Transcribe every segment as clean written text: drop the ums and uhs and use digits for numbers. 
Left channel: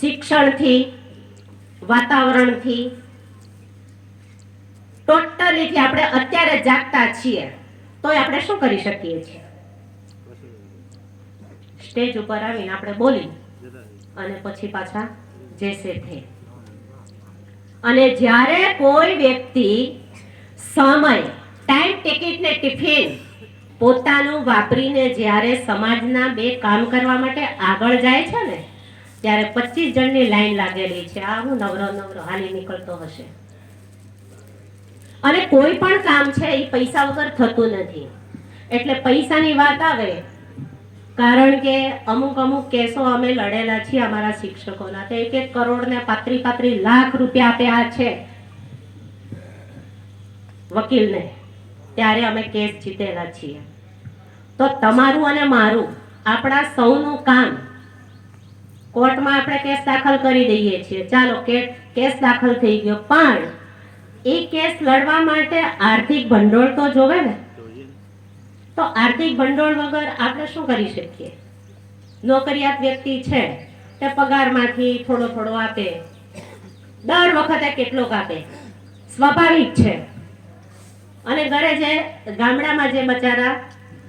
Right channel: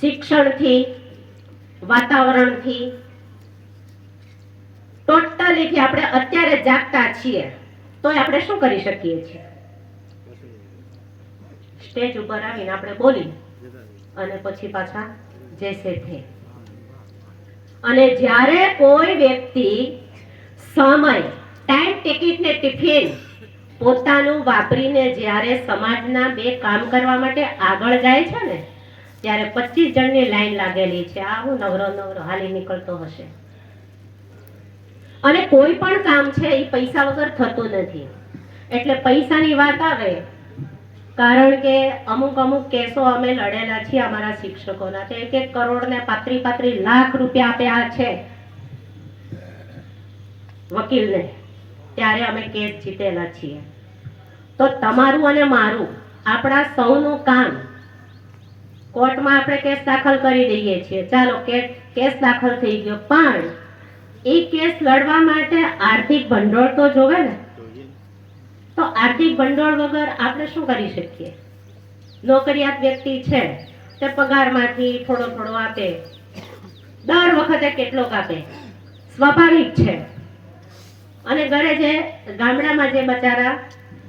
શિક્ષણથી, વાતાવરણથી, ટોટલીથી આપણે અત્યારે જાગતા છીએ તોય આપણે શું કરી શકીએ છીએ? સ્ટેજ ઉપર આવીને આપણે બોલી અને પછી પાછા જેસે થે. અને જ્યારે કોઈ વ્યક્તિ સમય, ટાઈમ, ટિકિટ ને ટિફિન પોતાનું વાપરીને જ્યારે સમાજના બે કામ કરવા માટે આગળ જાય છે ને, ત્યારે 25 જણની લાઈન લાગેલી છે. આવું નવરો હાલી નીકળતો હશે. અને કોઈ પણ કામ છે એ પૈસા વગર થતું નથી. એટલે પૈસાની વાત આવે, કારણ કે અમુક કેસો અમે લડેલા છીએ અમારા શિક્ષકોના, 1 કરોડ ને 35 લાખ રૂપિયા આપ્યા છે વકીલને, ત્યારે અમે કેસ જીતેલા છીએ. તો તમારું અને મારું, આપણા સૌનું કામ, કોર્ટમાં આપણે કેસ દાખલ કરી દઈએ છીએ, ચાલો કેસ દાખલ થઈ ગયો, પણ એ કેસ લડવા માટે આર્થિક ભંડોળ તો જોવે ને. તો આર્થિક ભંડોળ વગર આપણે શું કરી શકીએ? નોકરિયાત વ્યક્તિ છે તે પગારમાંથી થોડો આપે, દર વખતે કેટલોક આપે, સ્વાભાવિક છે. અને ઘરે જે ગામડામાં જે બચારા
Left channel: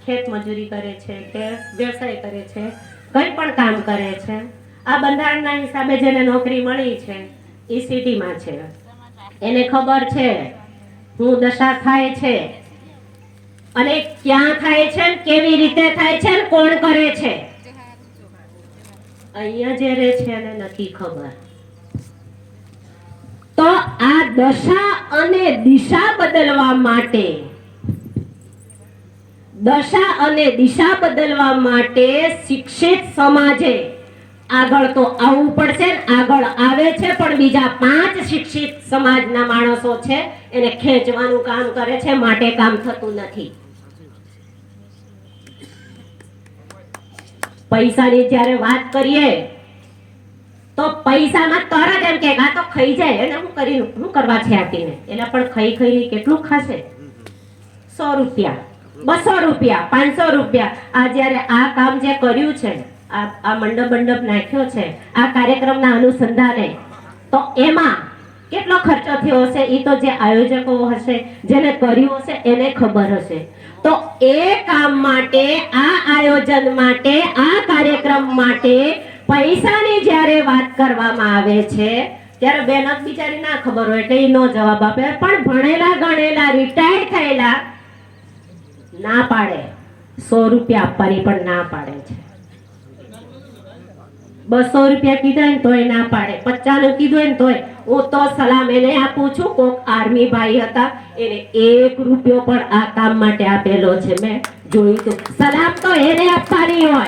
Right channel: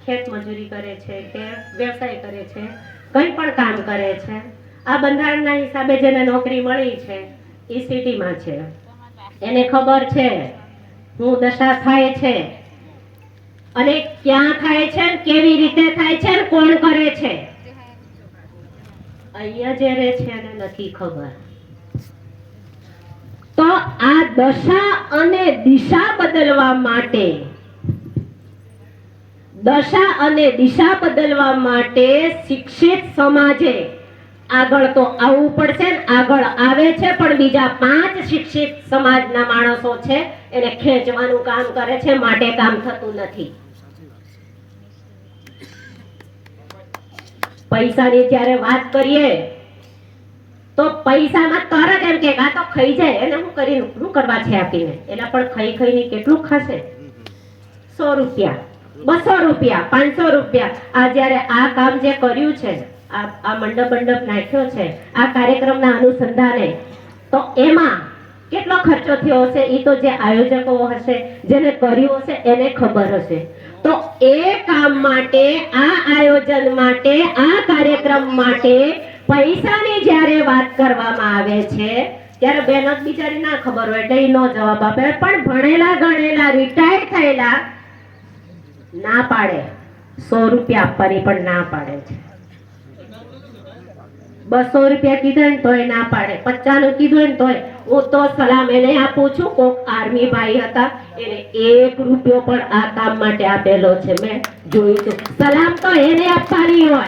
ખેત મજૂરી કરે છે કે વ્યવસાય કરે છે, કંઈ પણ કામ કરે છે, આ બંધારણના હિસાબે જેને નોકરી મળી છે એ સિટીમાં છે, એને ખબર છે હું દશા થાય છે અને ક્યાં થાય છે, કેવી રીતે થાય છે, કોણ કરે છે. અહીંયા જે રહે છે એને નથી ખબર. તો આ દશા અને દિશા બદલવા માટે શિક્ષિત સમાજે આગળ તો આવવું પડશે. આગળ આવે છે, પણ બીજા 5 શિક્ષિત સમાજના માણસો છે એને ખેંચવાનું કામ કરે છે, માટે કામ થતું નથી. પૈસાની જ્યારે વાત કરીએ તો પૈસામાં તરત એમ કે આ તો ખાઈ જાય, એને શું કરવા છે આપીને, એટલે પણ ખાઈને કેટલું ખાશે? 100 રૂપિયા, 200 રૂપિયા, 500 રૂપિયા. આ જ્યારે આ કામ જે કર્યું છે, આ મંડપ નાખ્યો છે આ કાર્યક્રમના અનુસંધાને, તો એમાં કેટલો ખર્ચો થયો હશે એ તો જે આયોજકો હશે, જેને કર્યું હશે એને ખબર હશે. તો એ કામ માટે, આ આયોજન માટે, આ કાર્યક્રમ માટે પૈસાની જ્યારે વાત કરવામાં આવે છે ત્યારે બેનો બિચારી ના ખબર હોય એટલે નો જવાબ આપે, પણ ભણેલા ગણેલા રિટાયર્ડ થયેલા ના પાડે. 100 રૂપિયા આપવાની પણ ના પાડે છે. 200 રૂપિયા કીધા ને તોય ના પાડે, 50 કીધું ને તોય. હું તો સલામ એને આપું છું. કોક આર્મી ભાઈ હતા, એને 1 રૂપિયો પણ આ કામ માટે આપેલો છે, મેં જોયું છે. સલામ તો એને આપવાની હોય,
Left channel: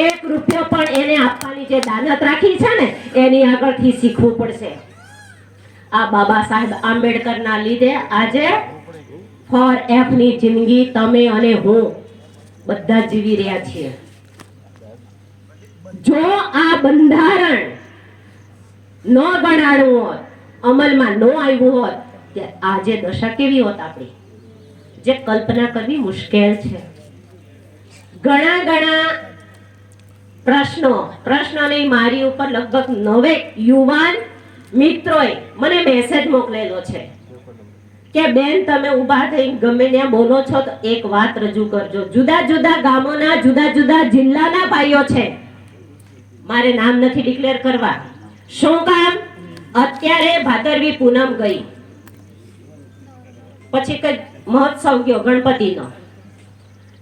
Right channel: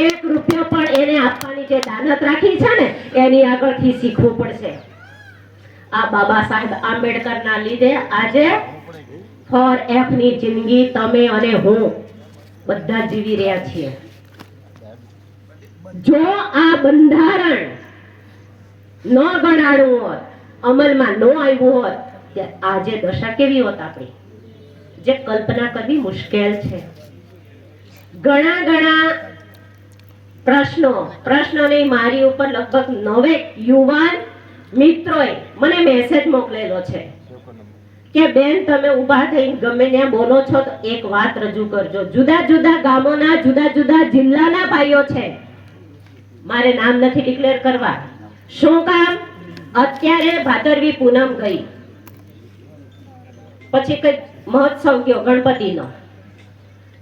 1 રૂપિયો પણ એને આપવાની જે દાનત રાખી છે ને એની આગળથી શીખવું પડશે. આ બાબા સાહેબ આંબેડકરના લીધે આજે ફોર એફ ની જિંદગી તમે અને હું બધા જીવી રહ્યા છીએ. જો આ બંધારણ ન બનાડ્યું હોત, અમલમાં ન આવ્યું હોત, આજે દશા કેવી હોત આપણી, જે કલ્પના કરવી મુશ્કેલ છે. ઘણા પ્રશ્નોની મારી ઉપર લગભગ 9 યુવાન મિત્રોએ મને મેસેજ મોકલેલો છે કે બેન તમે ઊભા થઈને ગમે ત્યાં બોલો છો તો એક વાત રજૂ કરજો. જુદા ગામોના, જુદા જિલ્લાના ભાઈઓ છે, મારે નામ નથી ડિક્લેર કરવા. શું કામ? અત્યારે ભાદરવી પૂનમ ગઈ, પછી કઈ મહોત્સવ ગયો ગણપતિનો,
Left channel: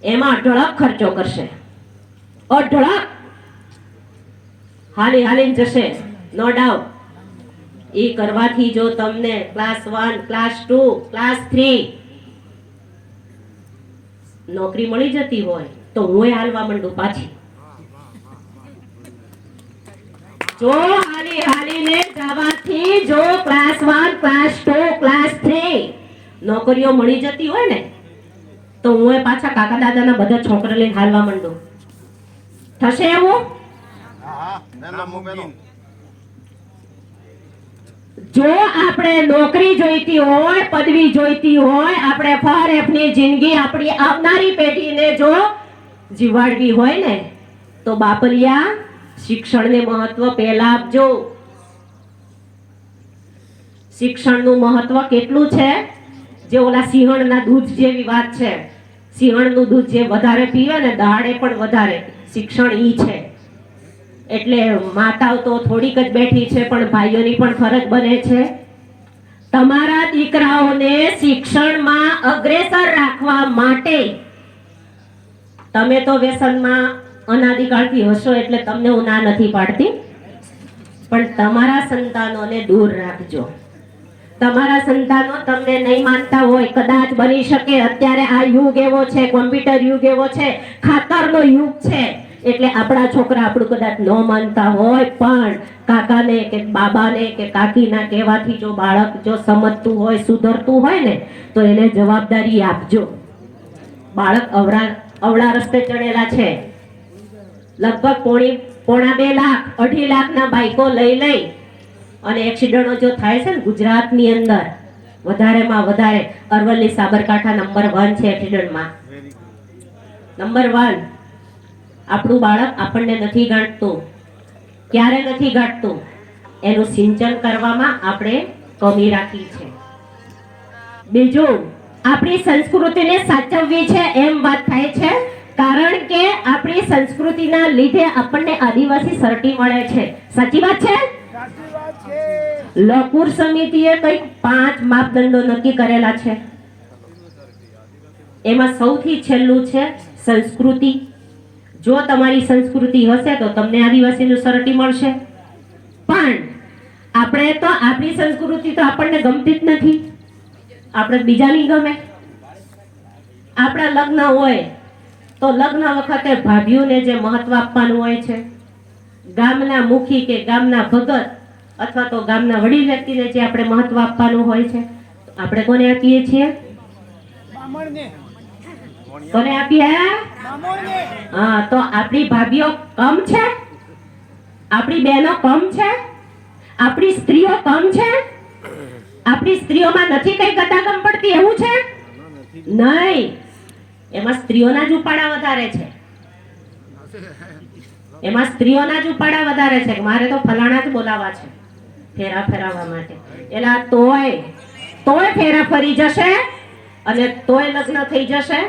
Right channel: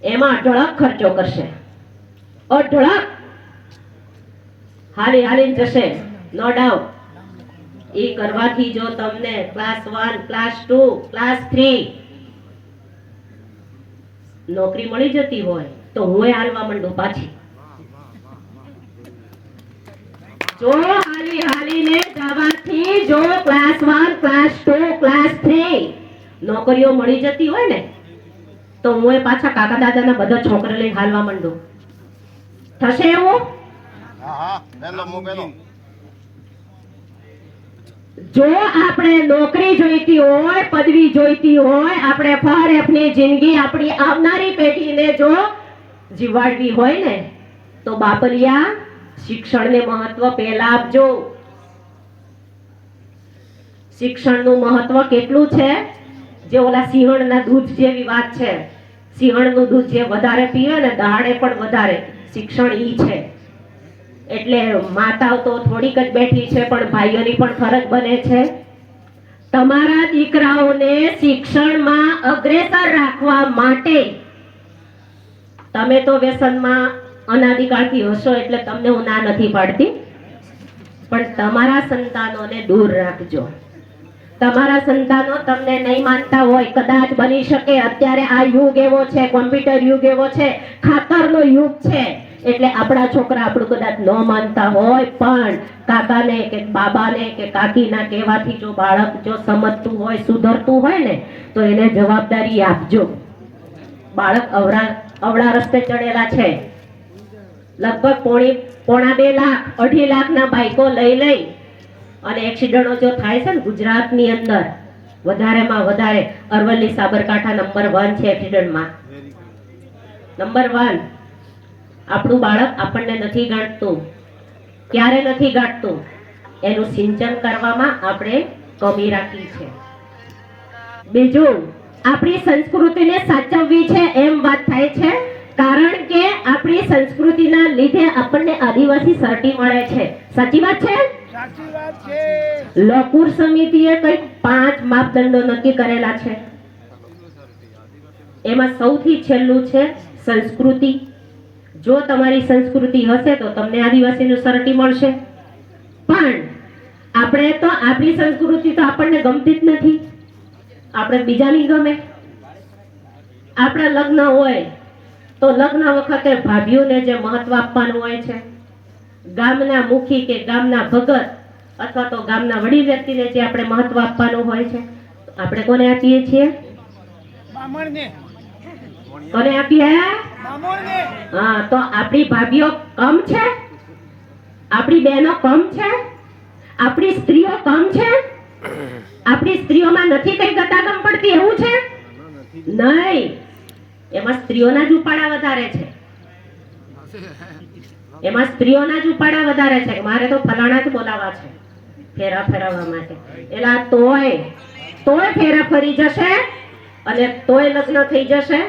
એમાં અઢળક ખર્ચો કરશે, અઢળક હાલીને જશે, નો ડાઉટ. એ કરવાથી જો તમને ક્લાસ 1, ક્લાસ 2, ક્લાસ 3 નોકરી મળી જતી હોય તો હું હાલવા માંડું પાછી. જો હાલીને જવાથી જો ક્લાસ 1, ક્લાસ 2, ક્લાસ 3 નોકરીઓ મળી જતી હોય ને તો હું પાછા કાકા દાદાના બધા છોકરા લઈને હાલવા માંડું. થશે એવું? જો આપણે નોકરી જોઈતી હોય, પદવી જોઈતી હોય, આપણે ફારેફની જિંદગી આપણી આવનારી પેઢીને જો જીવાડવી હોય ને તો બાપલિયા શિક્ષણને મહત્વ પહેલા આપજો. શિક્ષણનું મહત્વ કેટલું છે? જે ઓલા સિંહણના દૂધ જેવી વાત છે. સિંહણનું દૂધ જે વધારે પીવે ને દાડે પણ વધારે, શિક્ષણ ઈ છે. એટલે માતાઓ તો થોડીક જ બેઠી છે, પણ ભાઈઓની પણ ફરજ બને છે. તમારા દીકરાઓને શિક્ષણમાં અગ્રેસર રાખવા માટે તમે તો વ્યસનમાં અનાદિકાળથી હશો, એટલે તમને હું ના નથી પાડતી, પણ તમારા સંતાનોને દૂર રાખજો. તમારા સંતાનો તમને નહીં માનતા હોય, કદાચ બની શકે અત્યારે આ યુગ એવો છે, કોમ્પ્યુટર યુગ એવો છે, ખાતરનો યુગ છે, એટલે આપણા છોકરા આપણું કદાચ ન માનતા હોય, પણ કાકાને કે બાબાને કે કાકીના કહેવાથી જો બાળક જો સમજતું હોય, સુધરતું હોય ને, તો એને જવાબદારી આપજો. બાળક અવળા રસ્તે ચડેલા છે. લગભગ પોણા 2 લાખ 2.5 લાખના બાઈકો લઈ અને એક્સિડન્ટો જો થાય છે ને ગુજરાતની અંદર, વધારેમાં વધારે અરવલ્લી સાબરકાંઠા નંબર 1 છે એક્સિડન્ટમાં. નંબર 1. આપણું બાળક આપણને નથી ગાંઠતું. ક્યારે નથી ગાંઠતું? એનું સિંચન કરવામાં આપણે કમી રાખી છે. બીજું, આપણી સંસ્કૃતિને સાચવવી છે એમ વાત થાય છે, કારણ કે આપણી સંસ્કૃતિના લીધે આપણને આદિવાસી સર્ટી મળે છે. સાચી વાત છે? લકુર સમિતિએ કંઈક 5 માપદંડો નક્કી કરેલા છે. એમાં સૌથી છેલ્લું છે સંસ્કૃતિ. જો તમારી સંસ્કૃતિ હશે તો તમને આદિવાસીનું સર્ટી મળશે. પણ આપણે તો આપણી સંસ્કૃતિ તો આપણને ગમતી જ નથી, આપણે બીજાની ગમે. આપણા લગ્ન હોય તો લગ્ન વખતે ભાભીઓને જે મહત્વ આપવાનું હોય છે, ગામના મુખી કે ગામના ભગત અથવા તો ગામના વડીલ વ્યક્તિને જે આપણે મહત્વ આપવાનું હોય છે, આપણે કોને આપીએ છીએ? કોને આપીએ? હા, તો આપણી ભાભીઓ કમ છે? આપણી બહેનો કમ છે? આપણી સ્ત્રીઓ કમ છે? આપણી સ્ત્રીઓમાં નથી કઈ ગતાગમ પડતી એવું છે? નહીં, એમાં સ્ત્રીઓના જ ઉપાડા વધારે છે. એમાં સ્ત્રીઓના જ ઉપાડા વધારે છે. મારે તો ફલાણા જ બોલાવા છે ફેરા ફેરવવા માટે. એલા તોય ફેરા ફરી જશે અને તોય લગ્ન થઈ જશે.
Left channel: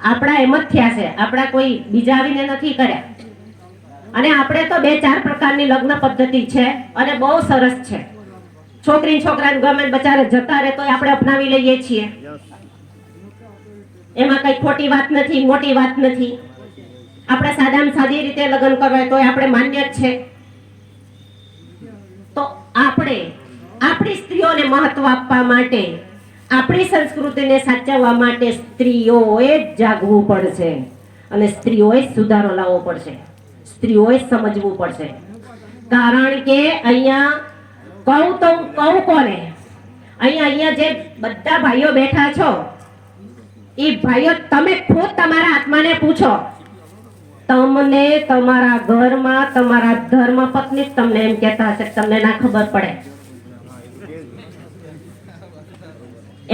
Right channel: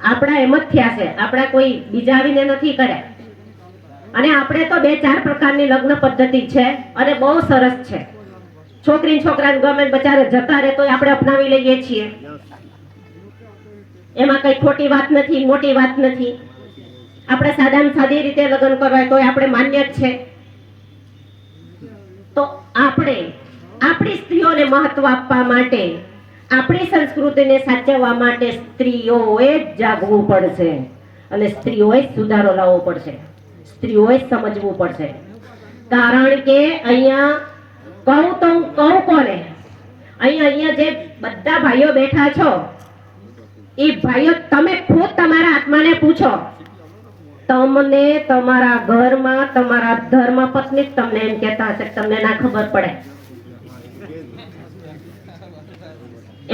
આપણા એમ જ થયા છે, આપણા કોઈ બીજા આવીને નથી કર્યા. અને આપણે તો 2-4 પ્રકારની લગ્ન પદ્ધતિ છે અને બહુ સરસ છે. છોકરી છોકરાને ગમે બચારે જતા રહે તોય આપણે અપનાવી લઈએ છીએ. એમાં કઈ ખોટી વાત નથી, મોટી વાત નથી. આપણે સાદામાં સાદી રીતે લગ્ન કરવા તોય આપણે માન્ય જ છે. તો આપણે આપણી સ્ત્રીઓને મહત્વ આપવા માટે, આપણી સંસ્કૃતિને સાચવવા માટે સ્ત્રીઓએ જાગવું પડશે અને સ્ત્રીઓએ સુધારો લાવવો પડશે. સ્ત્રીઓએ સમજવું પડશે. કારણ કે અહીંયા કહું કોને? અહીંયા જે બધા ભાઈઓ બેઠા છો, એ ભાઈઓ તમે ખુદ તમારા આત્માને પૂછો. તમને તમારા ઘરમાં તમારા ધર્મ પત્ની તમને એમ કહેતા હશે, તમને ના ખબર પડે,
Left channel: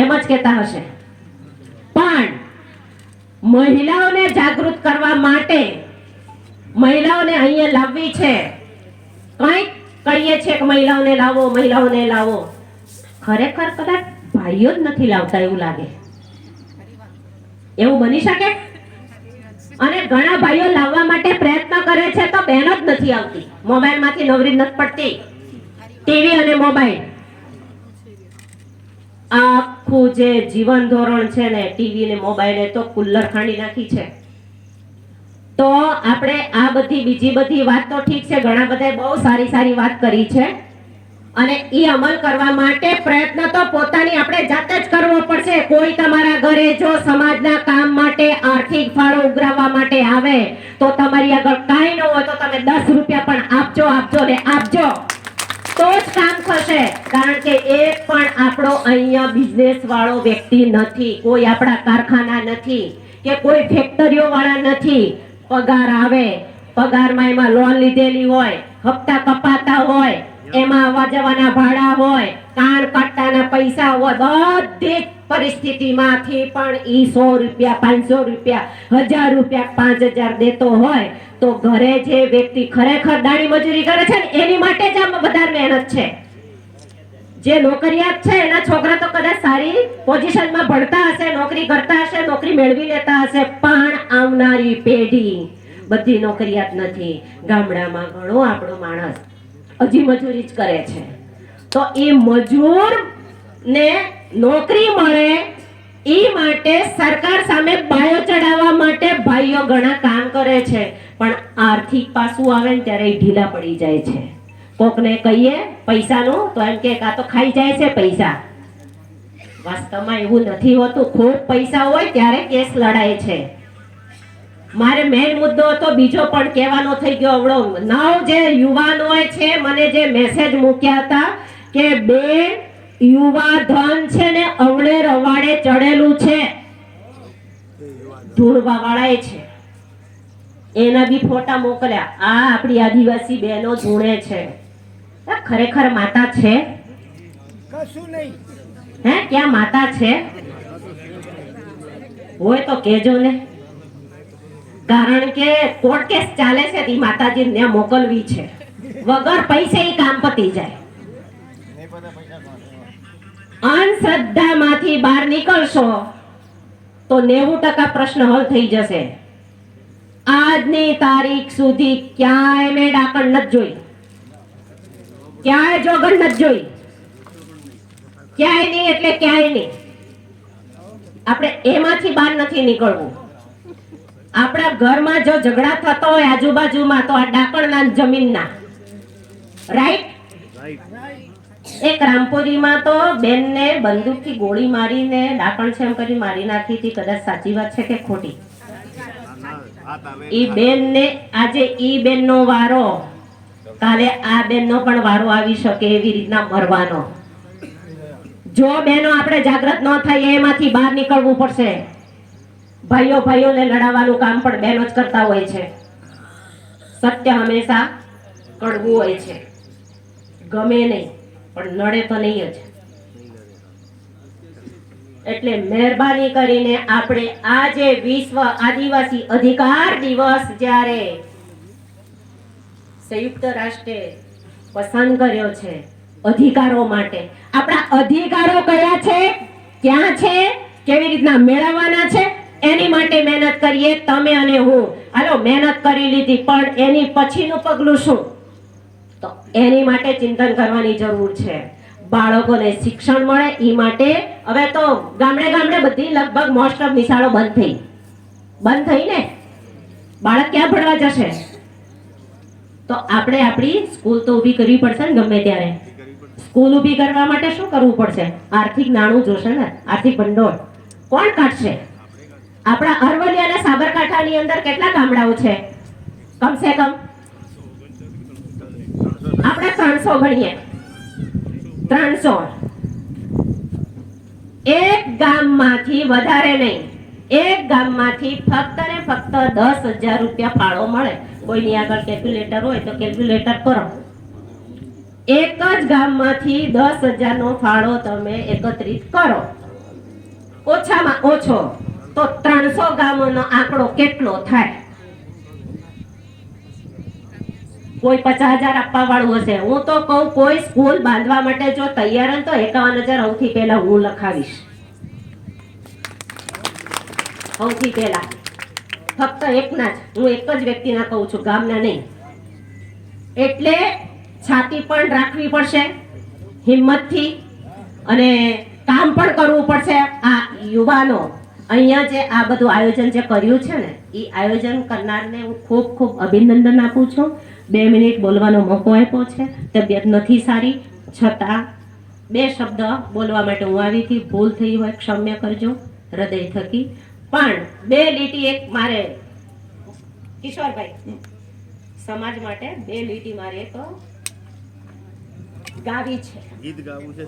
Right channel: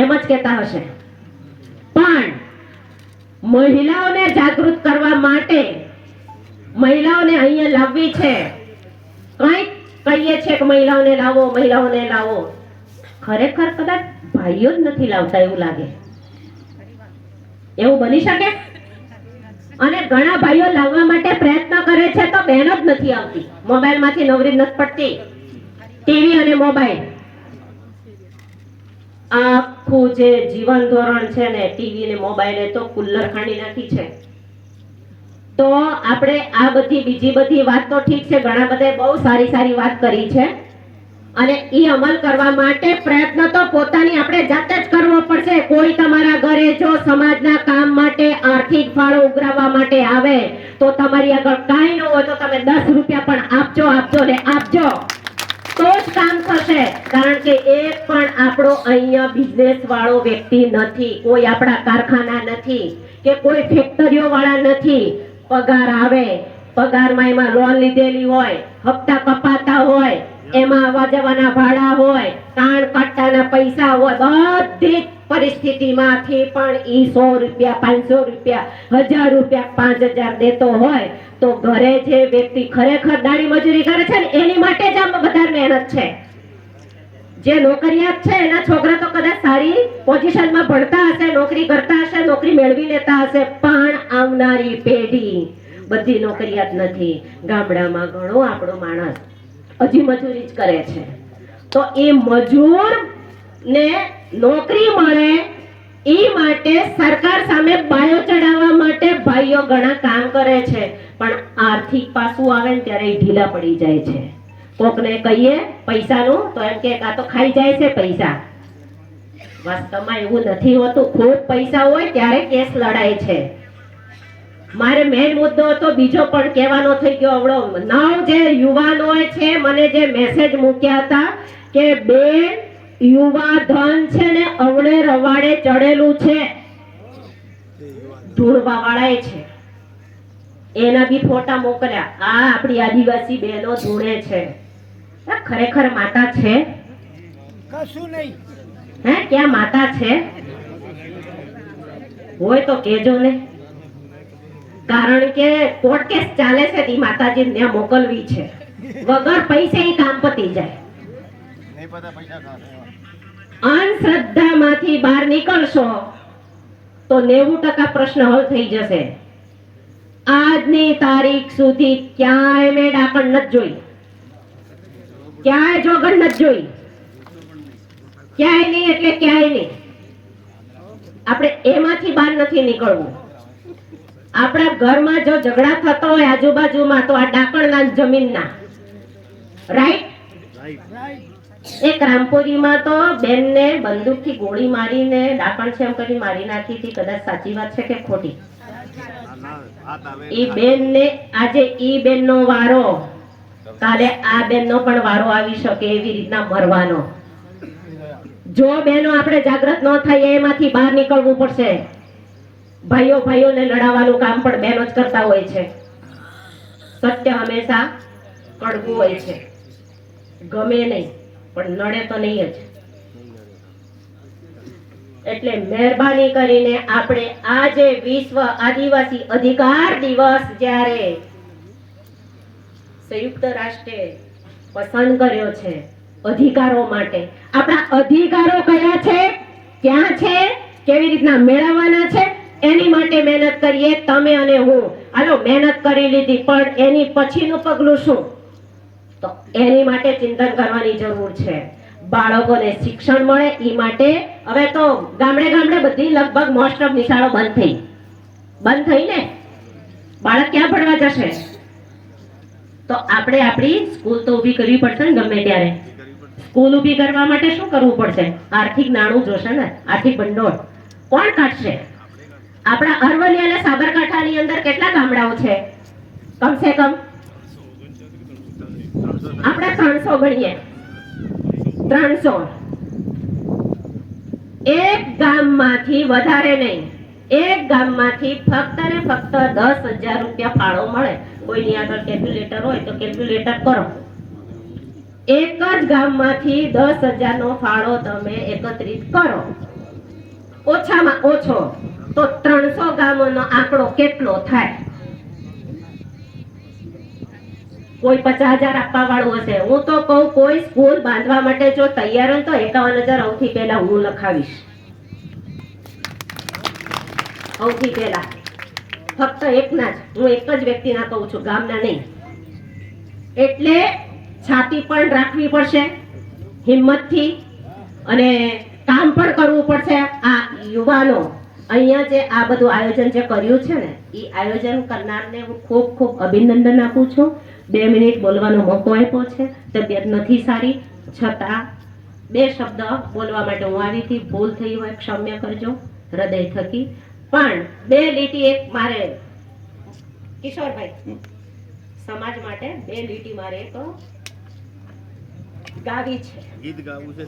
એમ જ કહેતા હશે. પણ મહિલાઓને જાગૃત કરવા માટે મહિલાઓને અહીંયા લાવવી છે. કંઈક કહીએ છે કે મહિલાઓને લાવો. ખરેખર કદાચ ભાઈઓ જ નથી લાવતા એવું લાગે. એવું બની શકે? અને ઘણા ભાઈઓ લાવવા માટે પ્રયત્ન કરે છે તો બહેનો જ નથી આવતી. મોબાઈલમાંથી નવરી નથી પડતી. ટીવી અને મોબાઈલ, આખું જે જીવન ધોરણ છે ને ટીવી ને મોબાઈલે તો કુલ્લર ખાંડી નાખી છે. તો આપણે આ બીજી બધી વાત તો ઠીક છે, ઘણા બધા બહુ સારી વાત કરી છે, અને એ અમલ કરવા માટે પ્રયત્ન તો પોતાની આપણે જાતે જ કરવો પડશે. કોઈ તમારા ઘરે જો સમાજના કામ માટે આર્થિક ફાળો ઉઘરાવવા માટે આવે તો તમારી આગળ કાંઈ ન હોય તો તમે 10 રૂપિયા પણ આપજો તો જ કામ થશે. કારણ કે એ પણ આપણો અહીંયા બિઝનેસ વાળો વ્યક્તિ નથી, કોઈ આપણા કારખાના નથી કે કોઈ ફેક્ટરીઓ વાળા નથી. પગાર આવે, પગારમાં એમાં લોન લીધેલી હોય, હપ્તા કપાતા હોય, એમાં આવવા જવાના ભાડા હોય, કાન કાટવાના પૈસા હોય, બધી પરિસ્થિતિમાંથી પણ ઈ 100 રૂપિયા 500 રૂપિયા 1000 રૂપિયા 5000 દેતો હોય તો ઘરે જે વ્યક્તિ ખરેખર દાડી મજૂરી કરે છે ને એની માટે જ આ વધારે મહેનત છે. જે નોકરિયાત છે એના છોકરા તો કદાચ સારી પોઝિશનમાં ભણતા હશે, નોકરી કરતા હશે, નોકરી મેળવી લેતા હશે, પણ આવનારી પેઢી બધી નોકરિયાત નથી. ગામડામાં ઘણો આપણો માણસ હજી મજૂરી જ કરે છે. તો એ મજૂર ને નોકરી મળે એ માટે સરકાર સામે બાયો ચડાવવા માટે ભાઈઓ ઘણા કામ કરે છે, પણ આર્થિક પાસું આવે ને ત્યારે એ ઢીલા પડી જાય છે. કોકને કહીએ પૈસાનું તો એમ કે આ તો ખાઈ જાય છે પૈસા. વાસ્તવમાં એવું નથી હોતું. ખૂબ પૈસા હોય ત્યારે કેસ લડાય છે. મારે મેઇન મુદ્દો તો બીજો પણ કહેવાનો થઈ ગયો. અવળો નવ જે યુવાનોએ છે મને જે મેસેજ મૂક્યા હતા કે બેન યુવા ધન છે ને અવળે રવાડે ચડેલું છે, ધૂળવા વાળાએ છે, એના બી ફોટા મોકલ્યા. આ આપણી આદિવાસી બહેનો ધૂણે છે. ખરેખર માતા છે? કશું નહીં. હે ક્યાં માતા છે? હોય તો કેજો ને, કારણ કે કોર્ટ કેસ ચાલે છે તી માતાજી ને મોકલવી છે. વગર પૈસે ઈ કામ પતી જાય. અંધશ્રદ્ધામાંથી બહાર નીકળશો તો 90% પ્રશ્ન હલ થઈ જશે. આજની તારીખ સુધી ક્યાંય મેં ડાકણ નથી જોઈ, ક્યાંય જોગણ નથી જોઈ, ક્યાંય નહીં એટલે ક્યાંય નહીં. આપણે એમાંથી બહાર નથી નીકળવું. આપણા ઘરમાં જો ઝઘડા થતો હોય આજુબાજુમાં તો આ ડાકણના જમીનના, રાઈટ? એક રામપુરીમાં તો બેનને બંદૂકથી ગોળી મારીને ડાકણ છે એમ કરી મારી નાખી હતી. કદાચ સાચી વાત છે કે ખોટી? ઈ બેનને આજે ઈ બેનનો વારો, કાલે આ બેનનો પણ વારો આવી શકે એવી રીતના મરવાનો. જો બેનો આપણે જાગૃત ન થઈએ એમાંથી બહાર નીકળવું પડશે. ભાઈઓ ભાઈઓને લડાવવાનું કામ પણ બહેનો જ કરતા હોય છે. સત્ય હંમેશા કડવું હોય છે. ગમે નહીં પણ નડે તો નહીં જ. એટલે મહેરબાની કરીને આપણે આજે વિશ્વ આદિવાસી અધિકાર દિવસ જ્યારે સંયુક્ત રાષ્ટ્રે પસંદ કર્યો છે અધિકારો માટે, આપણા અધિકારો કયા છે, ક્યાં છે, કેવી રીતના મેળવવાના છે એની માટે મહેનત કરીએ તમે અને હું. હાલો મહેનત કરી લીધી, પણ એની પછીનું પગલું શું? તો એની માટે ચિંતન કરવાની જરૂર છે. બાળકોને શિક્ષણ મળે એ માટે હવે તો ગામડે ગામડે બધી લગભગ મોસ્ટ ઓફ નિશાળો બંધ થઈ ને. બાળક ક્યાં ભણવા જશે? તો આપણે આપણી સ્કૂલ તો ઊભી કરવી પડશે ને. ગમે ત્યારે સ્કૂલ ઊભી કરવા માટે શું કરવું પડશે? આર્થિક નાણું જોશે ને, આર્થિક ભંડોળ. કોણ કાઢશે? આપણા અરવલ્લી અને સાબરકાંઠાની અંદર કેટલા ગામડાઓ છે? કમસે કમ આપણે 300 ગણીએ. 300. એક ગામમાંથી વધારે નહીં, એક ગામમાંથી ફક્ત ને ફક્ત 10,000 રૂપિયા ફાળો મળે. કોઈની આગળ કેલ્ક્યુલેટર હોય તો કેલ્ક્યુલેટર કરો. એક જ ગામમાંથી 10,000 નો ફાળો તમે એકત્રિત કરો, ઓછામાં ઓછો તો 300 ગામોનો આંકડો કેટલો થાય? કોઈ 50,000 આપવા વાળું હશે. હું તો કહું કોઈ સ્કૂલ બાંધવા માટે જો તૈયાર હોય તો 51,000 સૌથી પહેલા હું લખાવીશ. સૌથી પહેલા ફક્ત એકના જ, હું એક જ વ્યક્તિના કહું છું, ગામના નહીં. એટલે છાતી પણ રાખવી પડશે હિંમતથી અને કામ પણ કરવું પડશે. આ યુવાનો અહીંયા જે આ બધું આયોજન જે કર્યું છે ને એ આયોજન કરનારને હું ખૂબ ખૂબ અભિનંદન આપું છું. 2 મિનિટ બોલવાનો મોકો આપ્યો છે. તબિયત નથી સારી છતાં 2 શબ્દ બોલવા માટે હું આવી હતી. ભૂલ થઈ હોય ક્ષમ્ય કરજો હૃદય થકી. પણ 2 લીટી એક મારે કિશોરભાઈ સમાજ માટે 2 લીટી મારે એક ગાવી છે, ગીત ગાવું છે.